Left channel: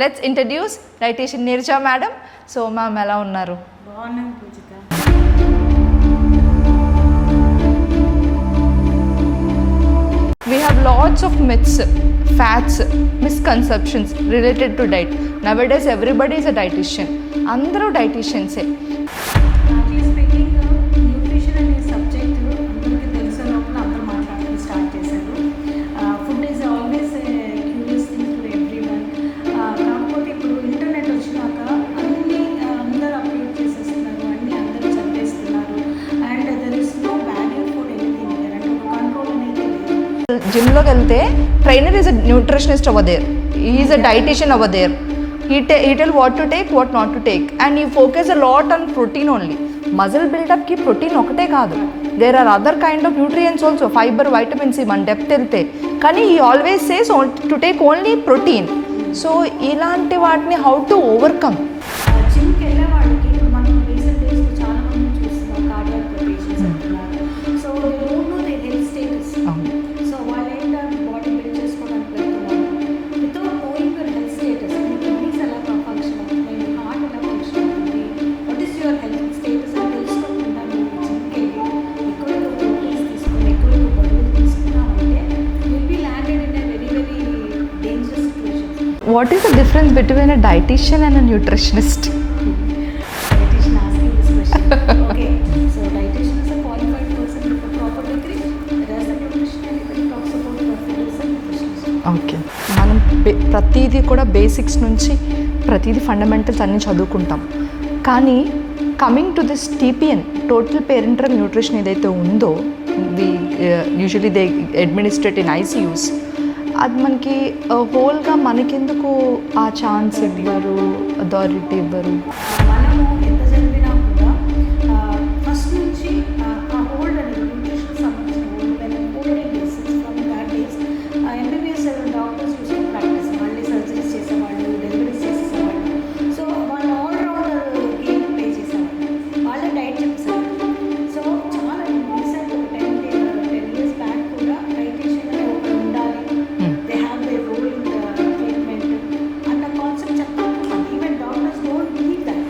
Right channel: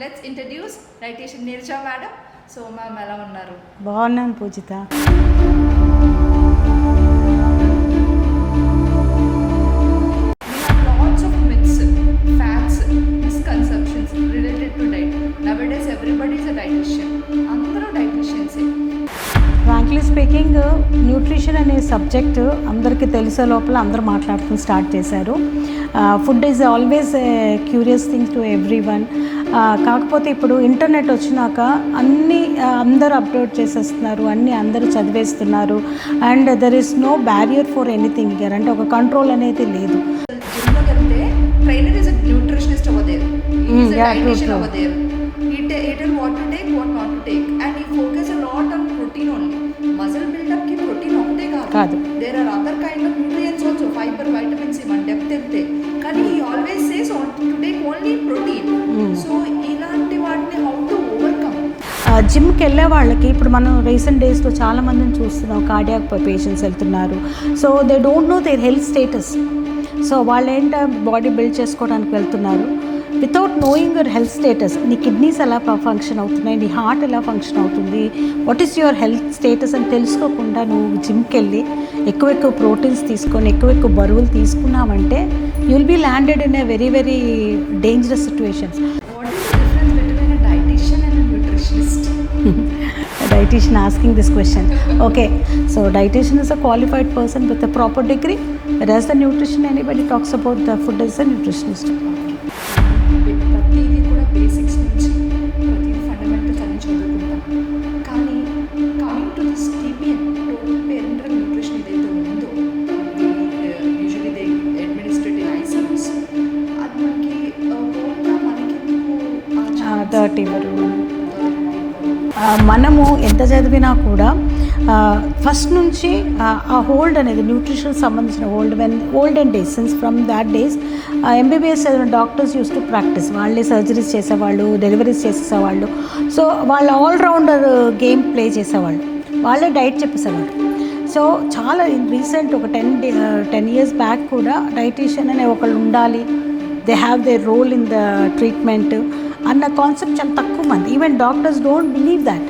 Let's introduce dietitian Neeraja madam. So ma'am ఎలా ఉన్నారు? బాగున్నాను పూజిత. We have lots of myths, facts, misconceptions related to diet. Nowadays everybody is a dietitian. అందరూ డైటీషియన్సే. Frankly speaking nutrition అనే సబ్జెక్ట్ అందరికీ తెలిసే లోపల అందరూ మాట్లాడుకుని స్టార్ట్ చేశారు. Food is always curious thing to every one. కాకపోతే ఇప్పుడు ఇంటర్నెట్ వచ్చినాక అన్నీ అందరూ అప్లోడ్ చేసేస్తున్నారు, అన్నీ అందరూ చదివేస్తున్నారు. And there is no barrier for anything here. అంటే ఒక కంట్రోల్ అనేది లేదు. జిమ్లోకి వెళ్తే trainer is a nutritionist over there, is a dietitian over there. He tell what to take, what not to take, and he focus a lot on protein only. Muscle build up ki protein ఒకటే కాదు, there are other kind of nutrients also, fiber, vitamin C, మన డెప్త్ వెళ్తే. కానీ he always says to take only protein. So ఇలాంటి వాటిని how to overcome. జిమ్కి వెళ్ళే వాళ్ళకి ఇప్పుడు మనం రీసెంట్ డేస్లో చాలా మందిని చూస్తున్నాం, కార్డియాక్ పేషెంట్స్ వెళ్తున్నారు. So they don't know their health status. So వాళ్ళు ఏంటో బాడీ బిల్డ్ చేసుకోవడానికి వెళ్తున్నారు without knowing your health status. నీ కిడ్నీస్ ఎలా ఫంక్షన్ అవుతున్నాయి, నీ హార్ట్ ఎలా ఫంక్షన్ అవుతుంది, what is your health status అని తెలుసుకోకుండా నువ్వు జిమ్కి వెళ్ళి ఎక్కువ ప్రోటీన్స్ తీసుకొని ఎక్కువ బరువులు తీసుకున్నామంటే you will be landed in a very very dangerous situations. What is the difference between a dietitian and a nutritionist? Dietitian asking this question. Okay, so dietitian is a qualified person with a proper degree, whereas the nutrition, anybody talks about the food as a nutritionist. Okay, మనం ప్రతిదీ కూడా బేసిక్స్ నుంచి ప్రతిదీ ఫండమెంటల్స్ అన్నీ చదువుకుంటాం. కానీ coming to this TPN, total parental nutrition ఏదైతే ఉందో, usually they administrate in ICUs, అది మనకి హోల్గా మనకెందుకు ఆ ఛాన్స్ అథారిటీ ఇవ్వరు? మనము ఎంత చదివినా కూడా ఫస్ట్ నుంచి ఆ హోల్డ్ అనేది న్యూట్రిషన్ సంబంధించిన olden days, since from that days MBBS doctors use to practice. వాళ్ళే సర్జరీస్ చేసేవాళ్ళు, డెలివరీస్ చేసేవాళ్ళు. సో వాళ్ళు ఆల్రౌండర్ గేమ్ ప్లే చేసేవాళ్ళు, వాళ్ళే డైట్ చెప్పేసేవాళ్ళు. సో చాలా రీసెంట్ ఒక 10 years బ్యాక్ కూడా డైటీషియన్ అనే ఒకళ్ళు ఉండాలి, they have they role in the treatment అన్న కాన్సెప్ట్ చాలా తక్కువ మంది, even doctors don't believe that.